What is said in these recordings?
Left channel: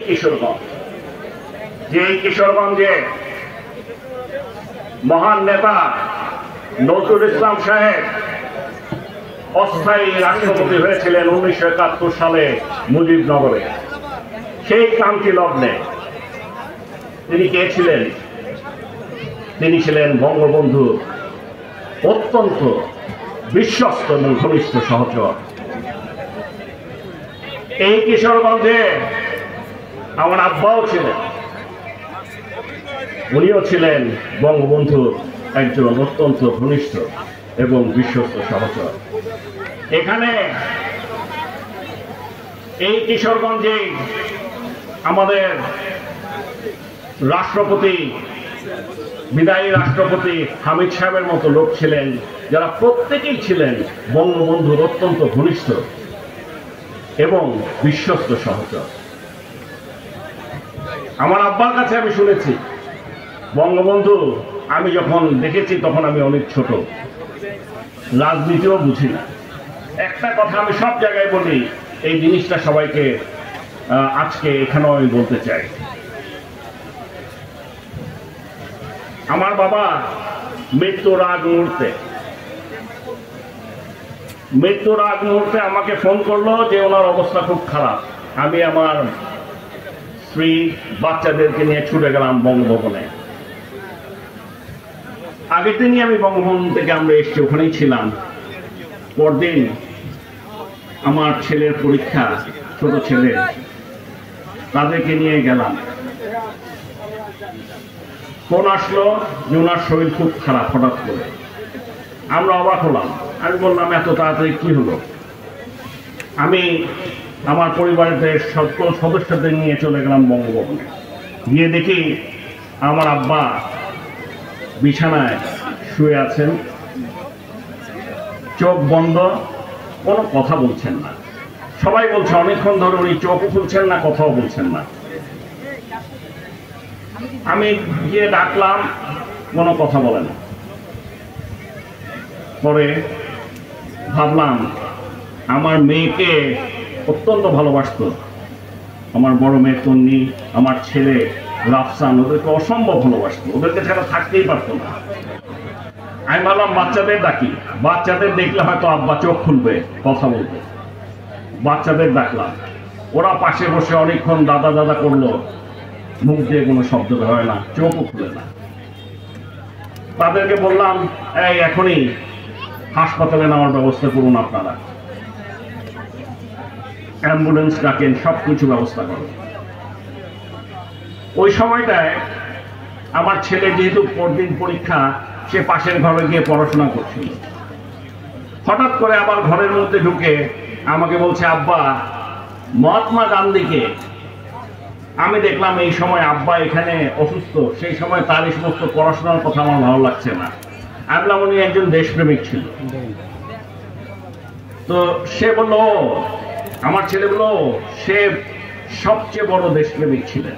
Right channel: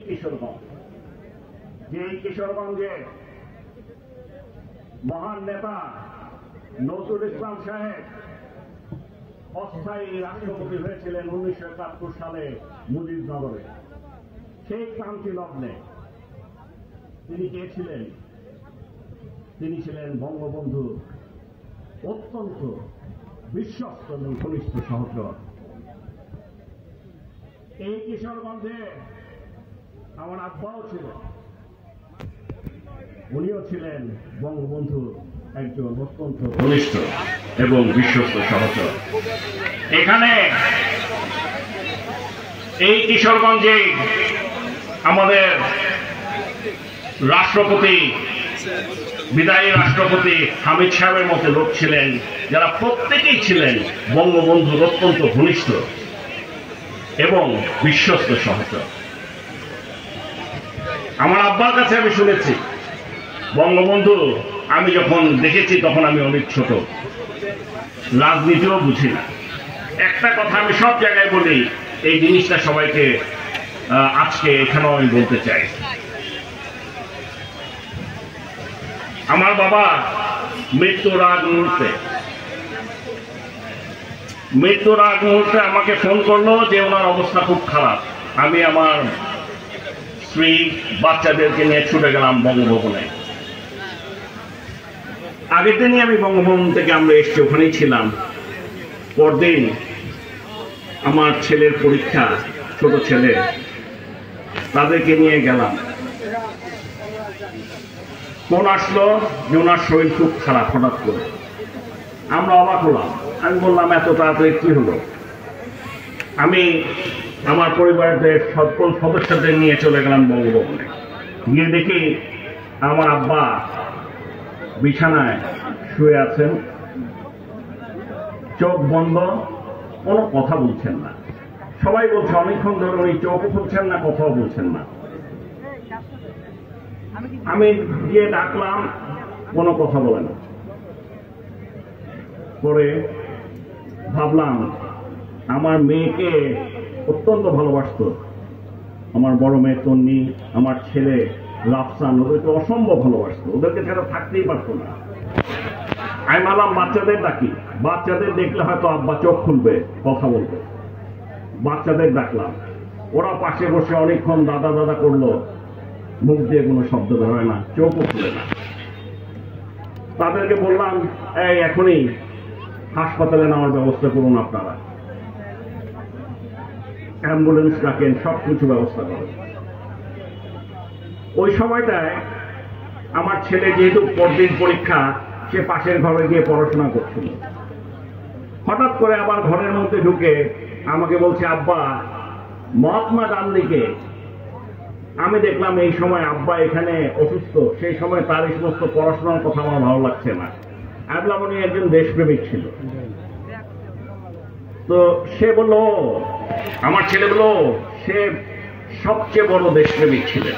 কিশোরগঞ্জ, যে কিশোরগঞ্জে মহান নেতা নজরুল ইসলাম সাহেব অস্থায়ী রাষ্ট্রপতি হয়েছিলেন 1971 সালে মুজিবনগরে। সেই ক্রান্তি লগ্নে তিনি কে ছিলেন? তিনি ছিলেন বঙ্গবন্ধু অত্যন্ত বিশ্বস্ত এবং ঘনিষ্ঠ সহচর। এই কিশোরগঞ্জে আমার আব্বাও ছিলেন, উনিও ছিলেন বঙ্গবন্ধুর একজন অত্যন্ত ঘনিষ্ঠ এবং বিশ্বস্ত সহচর। এখানে এই কিশোরগঞ্জে আমাদের রাষ্ট্রপতি, বিদায়ী রাষ্ট্রপতি হামিদ সাহেবের মতো লোক ছিলেন, যারা প্রত্যেকেই ছিলেন বঙ্গবন্ধুর অত্যন্ত ঘনিষ্ঠ এবং বিশ্বস্ত সহচর। আমার আব্বার কাছে আমি শুনেছি, বঙ্গবন্ধু আমি যখন দেখেছি তখন আমি অনেক ছোট, রাজনীতিও বুঝি না। একটা কথা আমি সব জায়গায় বলি, এই জিনিসটা সবাইকে আজকে এখানেও আমি বলতে চাই। আমার বাবা মৃত্যুর আগ মুহূর্তে আমাকে ফোন করলো যে ওনার অবস্থা খুব খারাপ। আমি আমার স্ত্রী বাচ্চাদেরকে নিয়ে ছুটে গেলাম বঙ্গভবনে। আগের দিনই আমি বঙ্গভবন থেকে আমরা এসছি, ওখানেই ছিলাম। পরদিন আমার ছেলের পরীক্ষা, ছোট ছেলে, তাদেরকে নিয়ে গেলাম। ফোন আসলো যে ওনার শরীর খুব খারাপ হঠাৎ করে। আমরা অবাক হলাম। আমি বললাম এত তাড়াতাড়ি কি হলো? আমি আমার পরিবারের সকল সদস্যদের নিয়ে চলে গেলাম বঙ্গভবনে। গিয়ে দেখি আমার আব্বা বিছানায় শুয়ে আছেন, চোখ বন্ধ, কোনো কথা বলছেন না। সবাই বলছে অনেকক্ষণ ধরে উনি চোখও খুলছেন না, কথাও বলছেন না। আমি গিয়ে ডাকলাম, কোনো কথা বলেন না। পরে ভাবলাম আমার মেয়েকে অত্যন্ত ভালোবাসত, আমার বড় মেয়ে তন্নি, আমার ছেলে রাফসান, ওদেরকে অসম্ভব ভালোবাসত, ওদেরকে ছাড়া থাকতেই পারত না। আমি ভাবলাম বাচ্চাদের ডাকি, বাচ্চাদের দেখলে হয়তো আব্বা চোখ খুলবে, কথা বলবে। বাচ্চাদের ডাকলাম, ওরা পাশে বসে অনেকক্ষণ দাদা দাদা করলো, মুখ দিয়ে কোনো শব্দ হয় না, চোখও খুলে না। তাদেরকে বললাম এই এখনই হাসপাতালে নেওয়ার ব্যবস্থা করুন, আপনারা অ্যাম্বুলেন্স ডাকেন, সবকিছু ব্যবস্থা করুন। ওই সময়টায় আমার ছেলে যেহেতু পরদিন পরীক্ষা, সে পাশের ঘরে গিয়ে পড়াশোনা করছিল। হঠাৎ করে আবার ঘরের মধ্যে ঢুকে আমাকে বলছে আব্বা মহাত্মা গান্ধীকে। আমি দেখলাম এই সময় আব্বা এখানে অসুস্থ, সেই সময় তার এই সমস্ত পড়াশোনার কথা আমার ভালো লাগছে না। আমি বললাম উনি একজন দেশপ্রেমিক ছিল। তো সে বলল, আমার ছেলে বলল সে সবচেয়ে বড় দেশপ্রেমিক ছিলেন,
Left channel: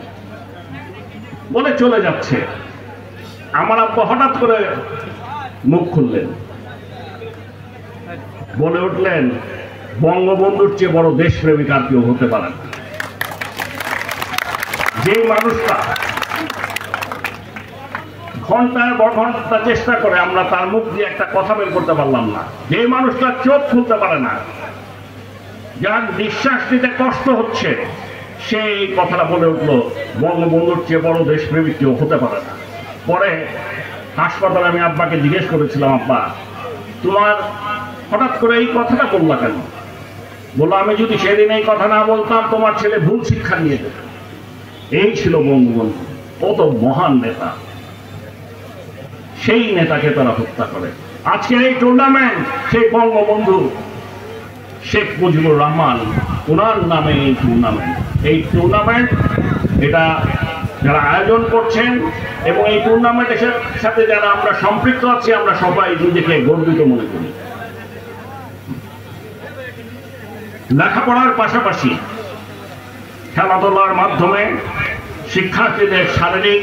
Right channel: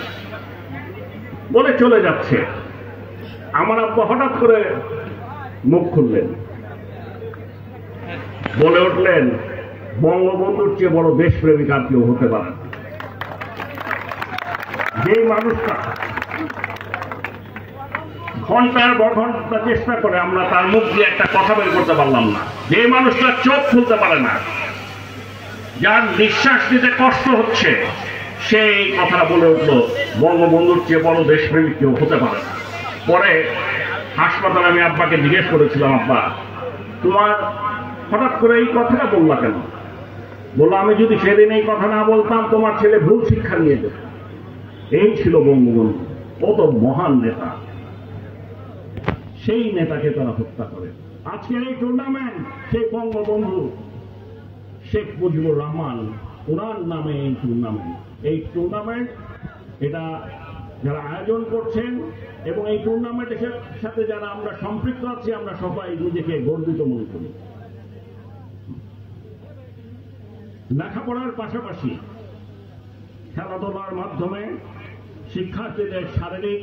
বলে চলে যাচ্ছে। আমার আব্বা হঠাৎ করে মুখ খুললেন, বলে উঠলেন বঙ্গবন্ধুর চেয়ে বড় দেশপ্রেমিক আর কেউ হতে পারে না। যে মানুষটা ঘন্টার পর ঘন্টা চেষ্টা করে আমরা তার মুখ দিয়ে একটা কথা বের করতে পারলাম না, যে মানুষটা চোখ খুলতে পারে না, যার নিঃশ্বাস নিতে কষ্ট হচ্ছে, সে এই কথাটা বলে উঠলো বঙ্গবন্ধুর চেয়ে বড় দেশপ্রেমিক কেউ হতে পারে না। পরে হাসপাতালে আমি আব্বাকে জিজ্ঞেস করেছিলাম, আব্বা তোমার হঠাৎ করে এই কথাটা বললা কেন? বললো আমি যদি সেদিন এই কথা না বলতাম তোমার ছেলে ভুল শিক্ষা নিয়ে যেত। এই ছিল বঙ্গবন্ধু, কত মহান নেতা। সেই নেতাকে তারা হত্যা করে। আজকের এই টুর্নামেন্ট সেই বঙ্গবন্ধু শেখ মুজিবুর রহমান, ওনার নামে এই টুর্নামেন্ট এটা যারা আয়োজন করছেন এবং এই টুর্নামেন্টের সাথে যারা আমরা সম্পৃক্ত আছি, আমরা সবাই নিজেকে গর্বিত মনে করি। লেখাপড়ার পাশাপাশি খেলাধুলার মাধ্যমে শিক্ষার্থীদের শারীরিক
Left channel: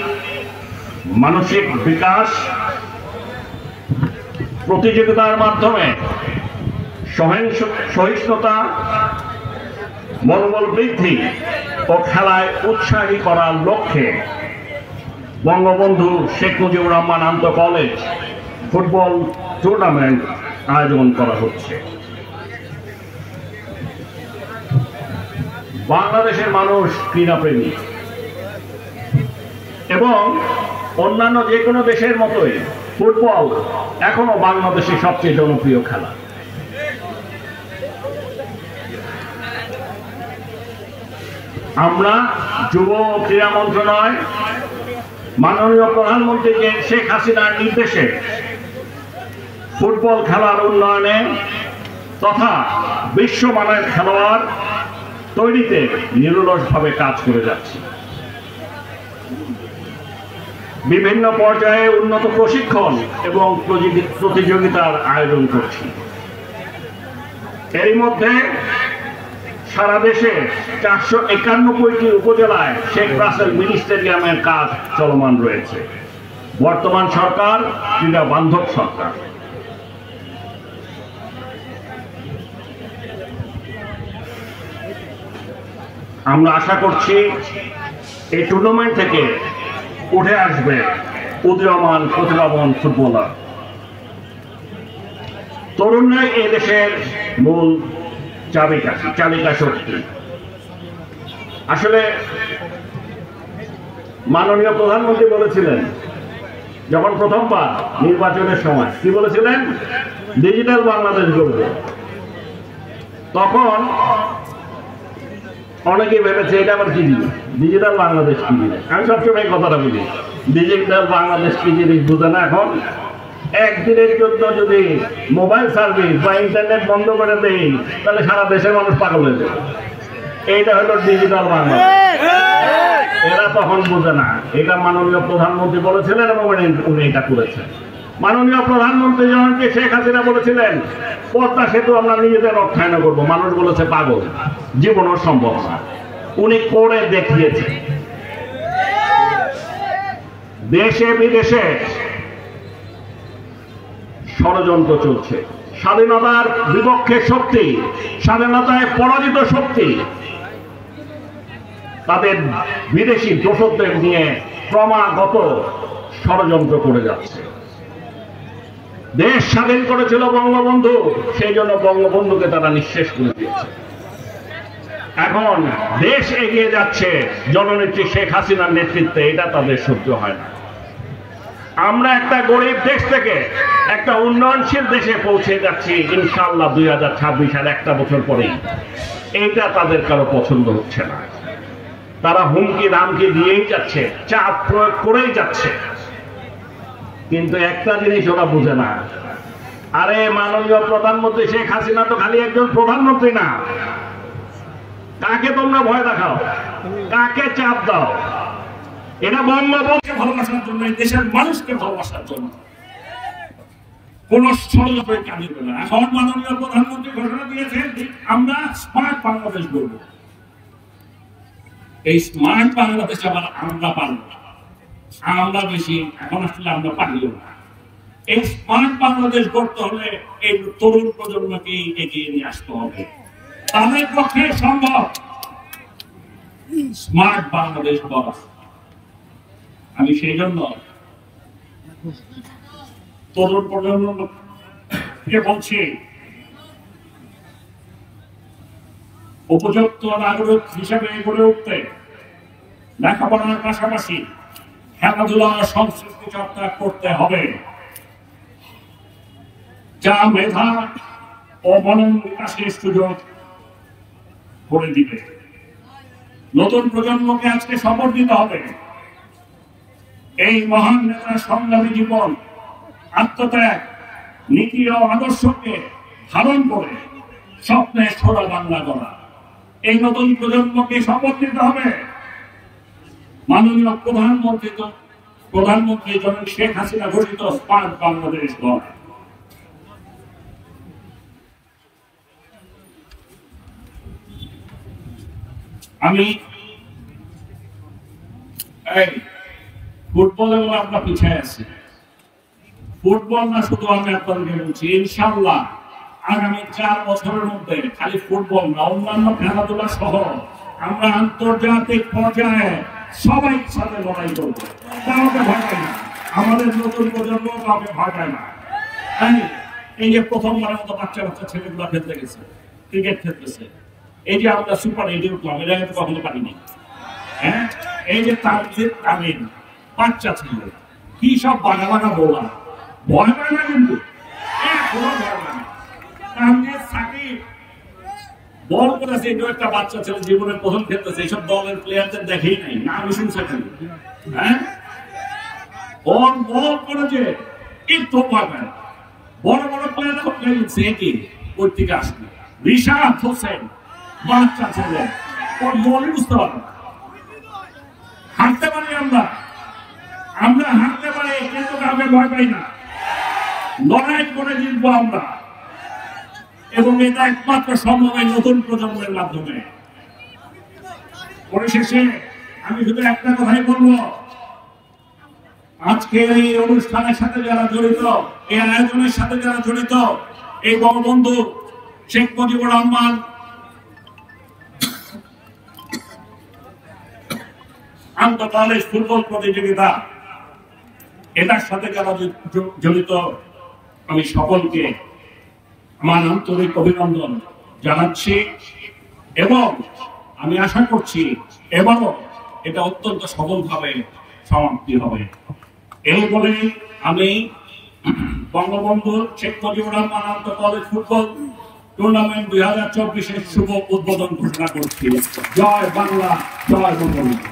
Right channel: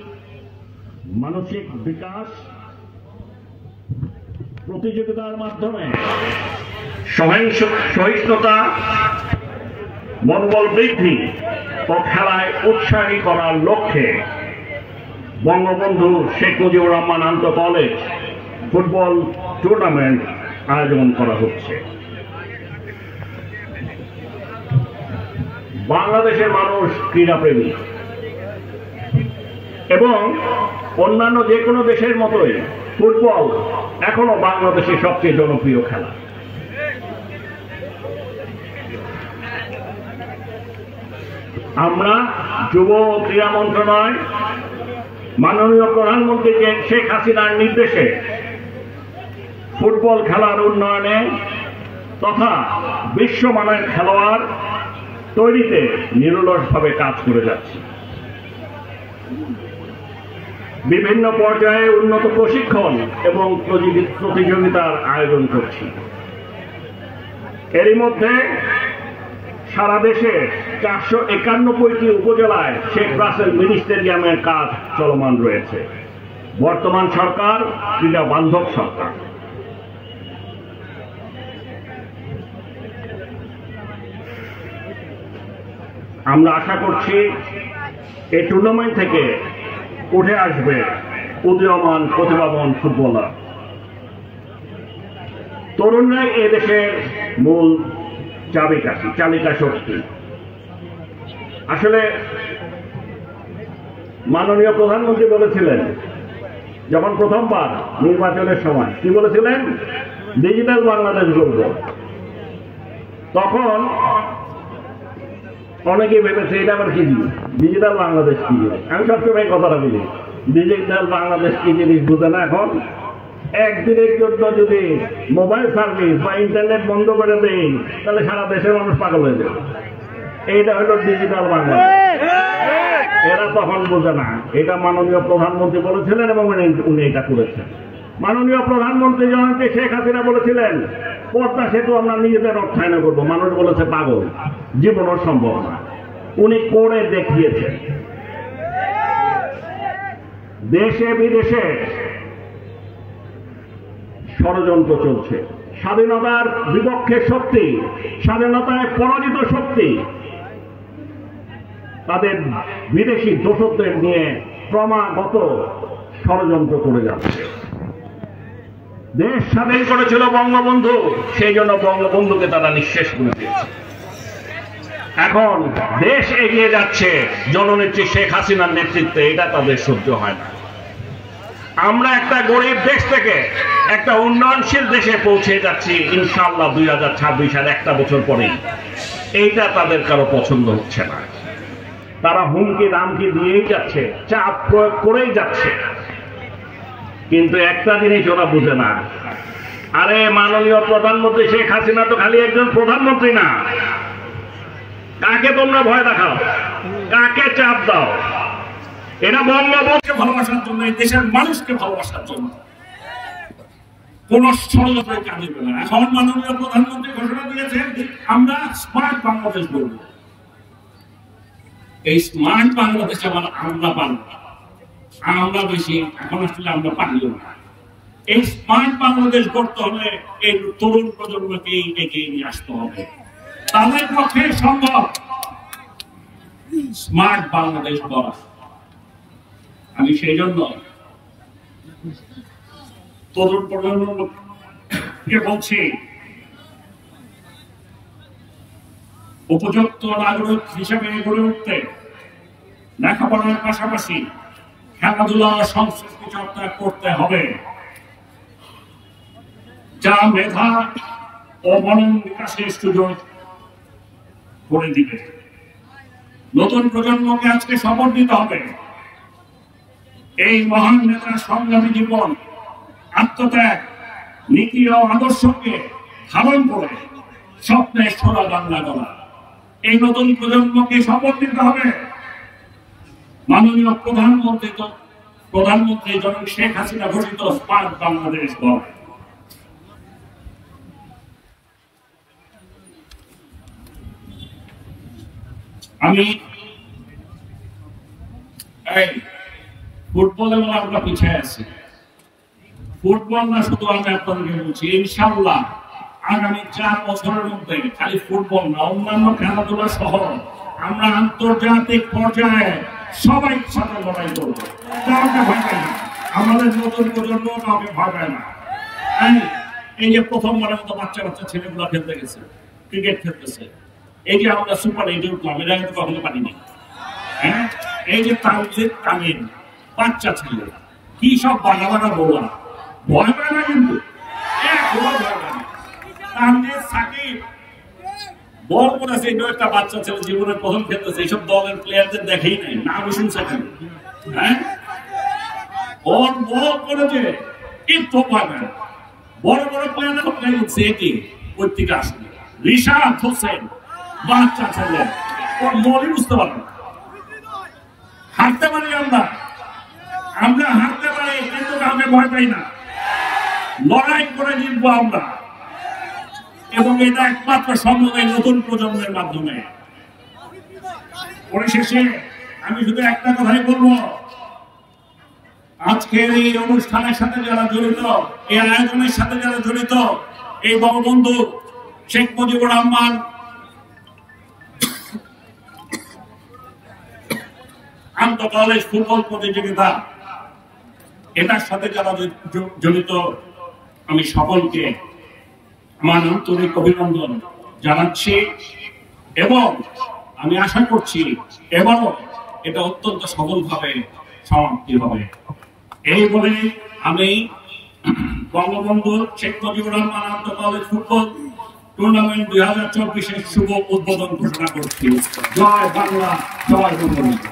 মানসিক বিকাশ, প্রতিযোগিতার মাধ্যমে সহিষ্ণুতা, মনোবল বৃদ্ধি ও খেলায় উৎসাহী করার লক্ষ্যে বঙ্গবন্ধু শেখ মুজিবুর রহমান আন্তঃ কলেজ ফুটবল টুর্নামেন্ট আয়োজন করা হচ্ছে। বাংলাদেশের মানুষ ক্রীড়াপ্রেমী এবং অন্যান্য যে কোনো দেশের মতোই ফুটবল এখনো বাংলাদেশের সবচেয়ে জনপ্রিয় খেলা। আমরা যুব ক্রীড়া মন্ত্রণালয় মাননীয় প্রধানমন্ত্রী শেখ হাসিনার নির্দেশে ফুটবল খেলার উন্নয়নে তথা বিশ্বমানের খেলোয়াড় তৈরিতে নিরলসভাবে কাজ করে যাচ্ছি। বিভিন্ন পর্যায়ে উন্নত প্রশিক্ষণ এবং প্রতিযোগিতার আয়োজন করছি। এরই মধ্যে সারা দেশে 491টি উপজেলায় শেখ রাসেল মিনি স্টেডিয়ামের কাজ চলমান রয়েছে। বর্তমান সরকার ক্রীড়া বান্ধব সরকার। আমরা আশা করছি এই টুর্নামেন্ট থেকে উঠে আসবে উদীয়মান প্রতিভাবান ফুটবলার। তরুণরাই এ দেশের মূল চালিকা শক্তি। আসলে মাননীয় প্রধানমন্ত্রী বলেছিলেন যখন প্রথমবার নির্বাচনের সময়, কি বলেছিলেন? ডিজিটাল বাংলাদেশ গড়ব। তখন অনেকেই ভেবেছে এটা আবার কি জিনিস, ডিজিটাল বাংলাদেশ কি জিনিস। আমি সবসময় কথাটা বলি, ডিজিটাল বাংলাদেশ কি জিনিস বুঝে না। এখন একদিনের জন্য যদি মোবাইল সার্ভিস বা ইন্টারনেট বন্ধ করে দেই তাহলে সারা দেশের মানুষ পাগল হয়ে যাবে। এইটা হলো ডিজিটাল বাংলাদেশ। এরা তখন বুঝে না। এটা মাননীয় প্রধানমন্ত্রী বলেছিলেন এবং উনি এটা করেছেন। মাননীয় প্রধানমন্ত্রী জননেত্রী শেখ হাসিনা বলেছিলেন পদ্মা সেতু আমরা নিজেদের অর্থায়ন করবো। মানুষ বলেছে পাগল, জীবনও সম্ভব না। উনি করে দেখিয়েছেন। দেশে বিদেশে ষড়যন্ত্র চলছে। স্বাধীনতার বিপক্ষে শক্তি, স্বাধীনতায় পরাজিত শক্তি তাদের বিদেশি দোষদের নিয়ে ক্রমাগত ষড়যন্ত্র করে যাচ্ছে। দেশ স্বাধীন করেছিল বঙ্গবন্ধু, সেই জন্য বঙ্গবন্ধুকে তারা নিঃশেষ করে দিয়েছে। এখন দেশ এগিয়ে যাচ্ছে জননেত্রী শেখ হাসিনার নেতৃত্বে, এটা তাদের সহ্য হয় না। আমরা একটা গরিব দেশ থেকে একটা উন্নয়নশীল দেশে পৌঁছে যাচ্ছি ইনশাআল্লাহ 2026 আর একটা বছর পরেই। এইটা তাদের কারো পছন্দ হচ্ছে না। তারা হুমকি দামকি দিয়েই যাচ্ছে, চাপ প্রয়োগ করেই যাচ্ছে। কিন্তু একটা জিনিস ওরা বুঝে না, আরে মাননীয় প্রধানমন্ত্রী শেখ হাসিনা তো খালি একজন প্রধানমন্ত্রী না। কাকে তোমরা ভয় দেখাও, কাকে চাপ দাও? এরা বঙ্গবন্ধুকে ভালোবাসার জন্য, এই দেশের মানুষকে ভালোবাসার জন্য কোন ষড়যন্ত্র কাজে দেবে না। এখন মাননীয় প্রধানমন্ত্রী ঘোষণা দিয়েছেন আমরা স্মার্ট বাংলাদেশ গড়ব। এই স্মার্ট বাংলাদেশ আবার আমরা পারব না, আমরা বেশি এখন আসলে আমরা পারিও না। এই স্মার্ট বাংলাদেশ গড়তে হলে এই তরুণ প্রজন্মকেই এগিয়ে নিয়ে আসতে হবে। তাদের পক্ষে সম্ভব স্মার্ট বাংলাদেশ গড়া। আমি সেই জন্য তরুণ প্রজন্মকে বলছি, উপযুক্ত নাগরিক হিসেবে গড়ে উঠতে লেখাপড়ার পাশাপাশি খেলাধুলা সংস্কৃতি চর্চা করতে হবে, যা মেধা ও মনন বিকাশের সুযোগ করে দিবে। নতুন প্রজন্মকে আজকে শপথ দিতে হবে এই মহান নেতার সংগ্রামী জীবন, আত্মত্যাগ, নীতি ও আদর্শকে ধারণ করে স্বপ্নের সোনা বাংলা গড়া। এই নতুন প্রজন্মকে শপথ দিতে হবে মাননীয় প্রধানমন্ত্রী জনক শেখ হাসিনা ঘোষিত স্মার্ট বাংলাদেশ গড়া। আমি ফুটবলে আমরা পিছিয়ে আছি। ফুটবল না শুধু আমি আপনাদেরকে বলছি, ইনশাআল্লাহ আগামী 4 বছরের মধ্যে খালি ফুটবল না, অন্যান্য খেলাধুলা সহ আমরা আন্তর্জাতিক পর্যায়ে সবাই সাথে লড়াই করবো। কাউকে ভয় পাই না, আমাদের নতুন প্রজন্ম কাউকে ভয় পায় না। এই যে প্রথমবারের মতো বাচ্চা বাচ্চা ছেলেগুলো খেলতে গেছে, ক্রিকেট খেলতেছে, এই যে আমরা সুপার 8 উঠলাম, এটা কিন্তু কখনো পারিনি। হ্যাঁ, এই যে তামিম বাচ্চা ছেলে, কি সব বাঘা বাঘা বললাম, ভয় পায় না কিন্তু বল করেছে, এটা একটা বাচ্চা ছেলে জীবনে প্রথম খেলতেছে, এইসব দলের প্লেয়ারদের দেখেই নাই, নাম শুনছে খালি। হ্যাঁ, বল করেছে কিন্তু ভয় পায় না। বড় বড় প্লেয়ারদের ওই থেকে আসবে, রিশাদ হোসেন বাচ্চা ছেলে, বলই বুঝতে পারবো না। হারতে পারি আমরা হারতে পারি, কিন্তু কাউকে ভয় পাই না, লড়াই করে জিতবো আমরা। এবং এটা একমাত্র সম্ভব এই নতুন প্রজন্মের মাধ্যমে। পরিশেষে আমি শুধু একটা কথাই বলবো, আজকে এই অনুষ্ঠানের সাথে যারা জড়িত, এই আয়োজনের সাথে যারা জড়িত, এই বঙ্গবন্ধু শেখ মুজিবুর রহমান আন্তঃ কলেজ ফুটবল প্রতিযোগিতা, এটার সাথে যারা জড়িত, আমি সকলকে আমার আন্তরিক অভিনন্দন জানাচ্ছি এবং আমি আশা করছি এবারও এটা অত্যন্ত সফলভাবে সমাপ্তি হবে। এই বলে আমি বঙ্গবন্ধু শেখ মুজিবুর রহমান আন্তঃ কলেজ ফুটবল টুর্নামেন্ট 2024-এর শুভ উদ্বোধন ঘোষণা করছি। জয় বাংলা, জয় বঙ্গবন্ধু।